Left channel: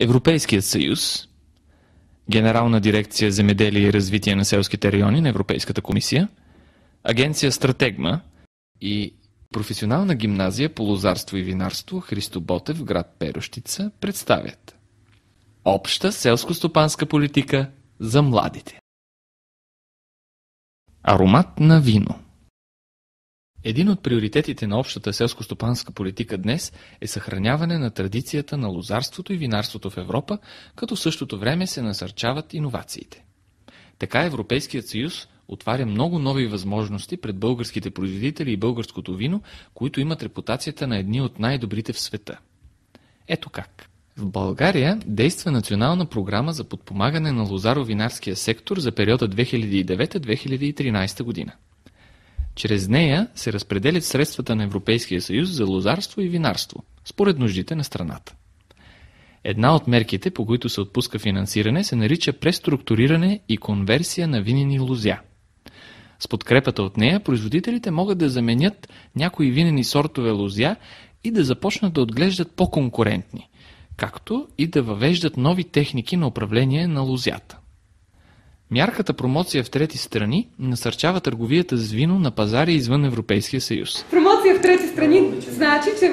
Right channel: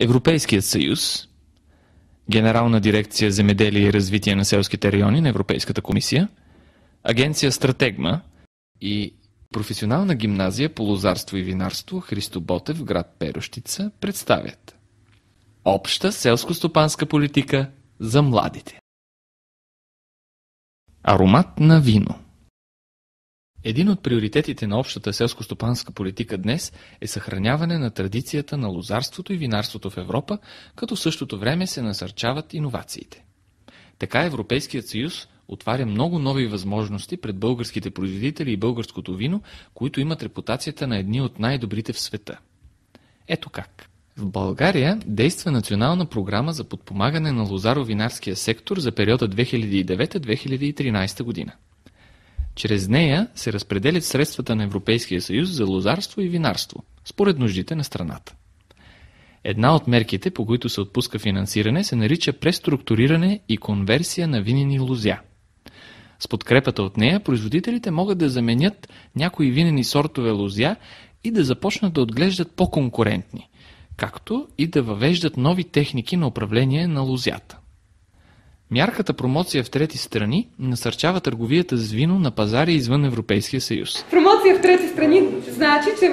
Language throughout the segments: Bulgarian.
Европейският съюз, Генерална дирекция Земеделие и развитие на селските райони на Европейската комисия, Агенция Стратегма и Професионална гимназия по лозарство и винарство Христо Ботев в град Перущица представят Обща селско-стопанска политика за младите. Аромат на вино. Един от приоритетите на общата селско-стопанска политика днес е съхраняване на традицията на лозарството и винарството в Европа, като в същото време се насърчават иновациите. Така Европейският съюз отваря много нови възможности пред българските производители и българското вино, които имат репутацията на едни от най-добрите в света. Ето как. В България действа национална програма за подпомагане на лозаро-винарския сектор за периода 2009-2013 година. Чрез нея се разпределят средствата на Европейския съюз за лозарство и винарство, според нуждите на страната. Една от мерките, по които се отпуска финансиране, се нарича преструктуриране и конверсия на винени лозя. С подкрепата от нея, производителите могат да заменят някои винени сортове лозя и да започнат да отглеждат по-конкурентни, както и да въвеждат нови техники на управление на лозята. Мярката промоция в трети страни насърчава търговията с вино на пазари извън Европейския съюз. Промоция в трети страни значи, че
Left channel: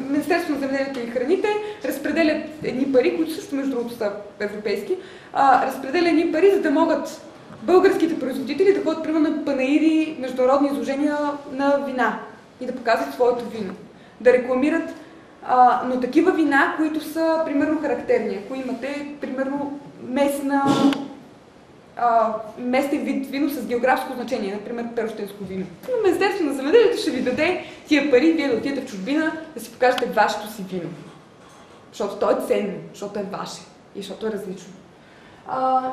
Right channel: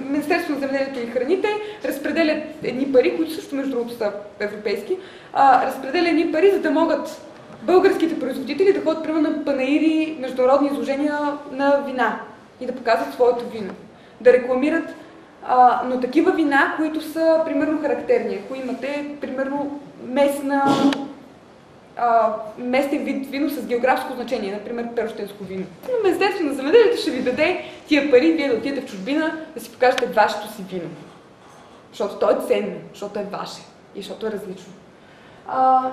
Министерството на земеделието и храните разпределят едни пари, които също между другото са европейски, разпределят едни пари, за да могат българските производители да ходят примерно на панаири, международни изложения на вина и да показват своето вино. Да рекламират, но такива вина, които са примерно характерни. Ако имате примерно местен вид вино с географско значение, например перущенско вино. Министерството на земеделието ще ви даде тия пари, вие да отидете в чужбина, да си покажете вашето си вино. Защото то е ценно, защото е ваше и защото е различно.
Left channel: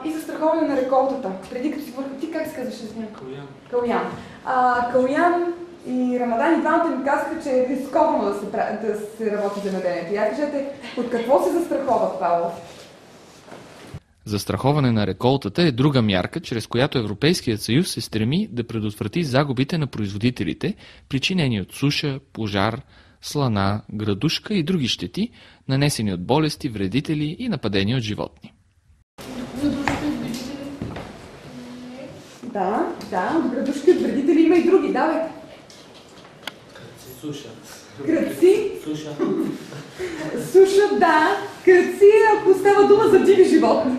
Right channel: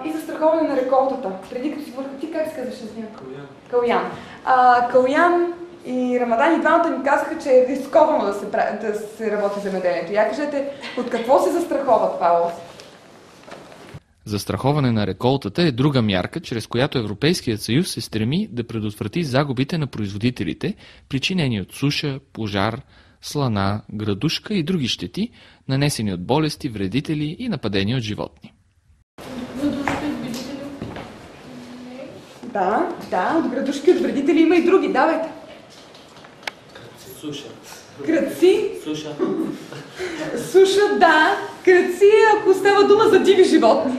И застраховане на реколтата. Преди като си говорих, ти как се казваш? Калуян. Калуян и Рамадан и двамата ми казаха, че е рисковано да се работи земеделието. Я кажете, от какво се застрахова това? Застраховане на реколтата е друга мярка, чрез която Европейският съюз се стреми да предотврати загубите на производителите, причинени от суша, пожар, слана, градушка и други щети, нанесени от болести, вредители и нападения от животни. Да, от градушки, от вредители има и други, давай. Суша. Кръци? Суша. Суша, да. Кръци, ако става дума за диви животни.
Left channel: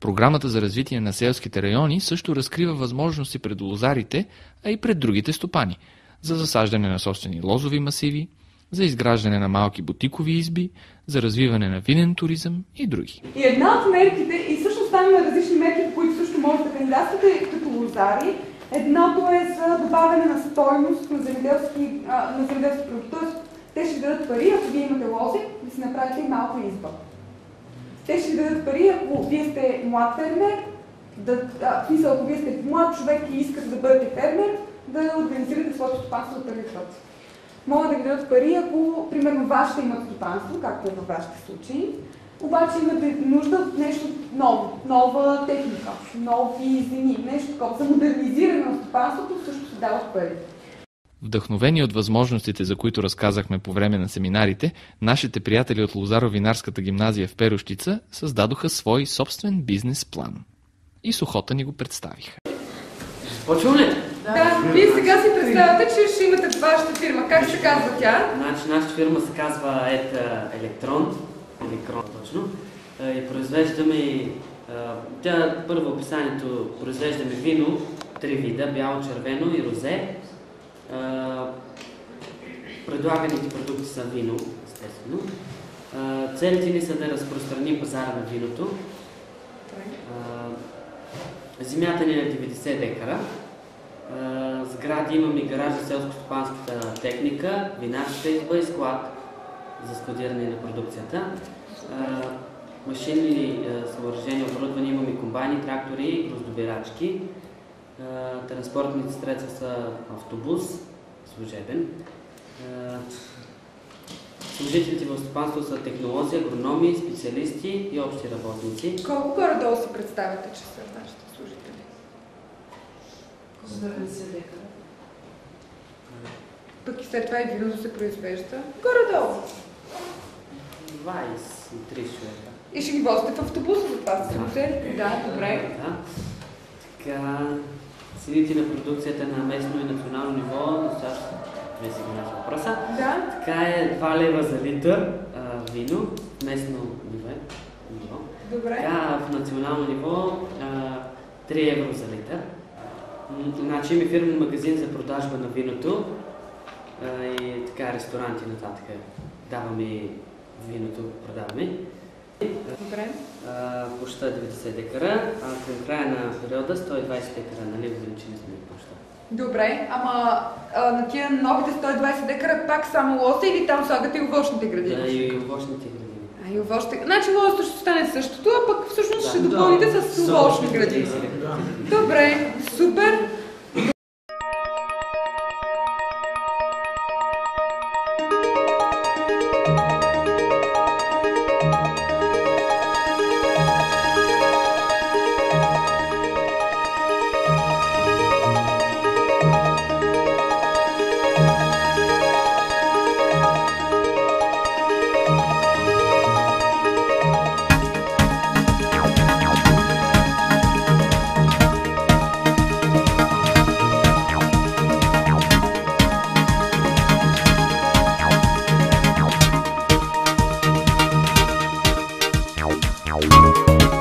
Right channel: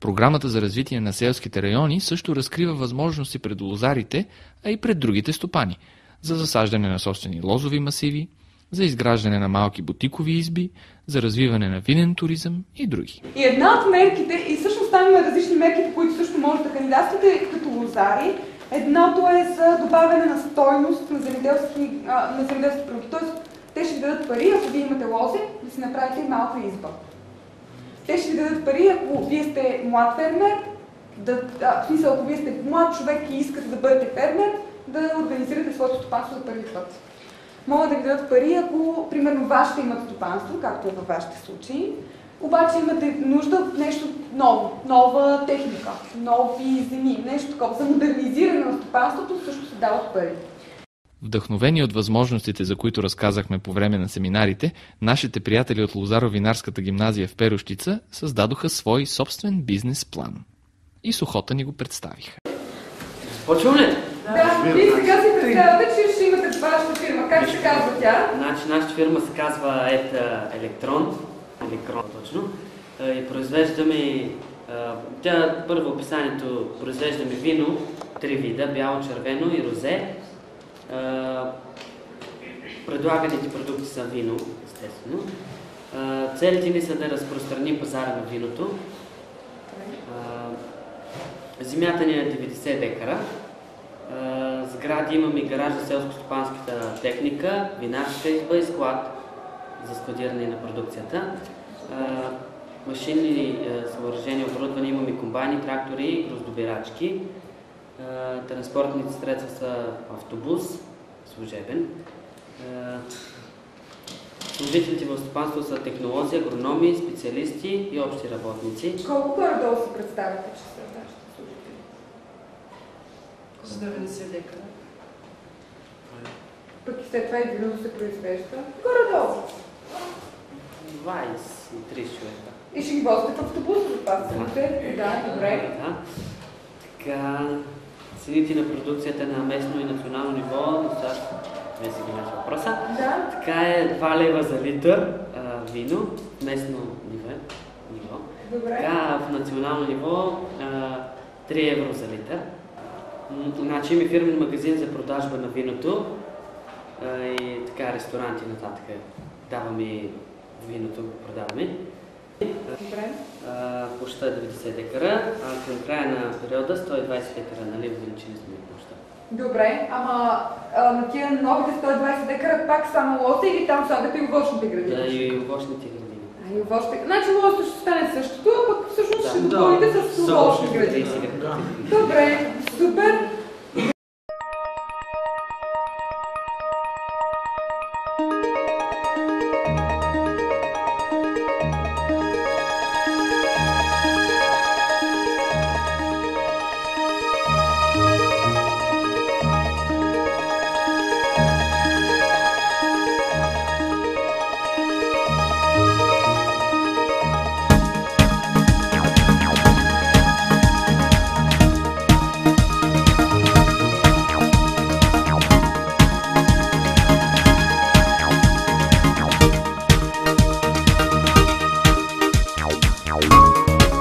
Програмата за развитие на селските райони също разкрива възможности пред лозарите, а и пред другите стопани за засаждане на собствени лозови масиви, за изграждане на малки бутикови изби, за развиване на винен туризъм и други. И една от мерките, и всъщност там има различни мерки, по които също може да кандидатствате като лозари. Едното е за добавяне на стойност на земеделски продукти. Тоест, те ще ви дадат пари, ако вие имате лози, да си направите и малка изба. Те ще ви дадат пари, ако вие сте млад фермер, в смисъл, ако вие сте млад човек и искате да бъдете фермер, да организирате своето стопанство за първи път. Могат да ви дадат пари, ако, примерно, вашите имат стопанство, както е във вашите случаи, обаче имате нужда от нещо ново, нова техника, нови земи, нещо такова. За модернизиране на стопанството също се дават пари. Вдъхновени от възможностите, за които разказахме по време на семинарите, нашите приятели от Лозаро-винарската гимназия в Перущица създадоха свой собствен бизнес план. И с охота ни го представиха. Почваме ли? Да, вие сега си представяте, че ще имате вашата фирма. Как се казва тя? Значи, нашата фирма се казва Електрон, точно. И произвеждаме, първо описанието, произвеждаме вино, 3 вида, бяло, червено и розе. Предлаганите продукти са вино, естествено. Целите ни са да разпространим пазара на виното. Земята ни е 90 декара. Сгради имаме гараж за селско-стопанската техника, винарската изба и склад за складиране на продукцията. Машинни съоръжения, оборудване имаме комбайни, трактори, гроздобирачки. Транспортните средства са автобус, служебен. Служителите в стопанство са технолози, агрономи, специалисти и общи работници. Колко горе-долу се представяте, че са вашите служители? 70 декара. Пък и след това и вино се произвежда. Горе-долу. 23 човека. И ще ги возите в автобус, за това сте? Да, добре. Да. Така, цените на продукцията на местно и национално ниво, достатъчно, вие си го въпроса. Да. Така е 2 лева за литър вино, местно ниво. Добре. Така, в национално ниво 3 евро за литър. Значи има фирмен магазин за продажба на виното и така ресторанти нататък. Даваме виното, го продаваме. Добре. Площа е 90 декара, а към края на периода 120 декара, нали, увеличили сме площа. Добре, ама на тия новите 120 декара пак само лоста или там слагате и овощните градини? Да, и овощните градини. И овощите. Значи лоста ще стане същото, а пък всъщност ще Да. допълните с овощни градини. Да. Добре, супер. Ow.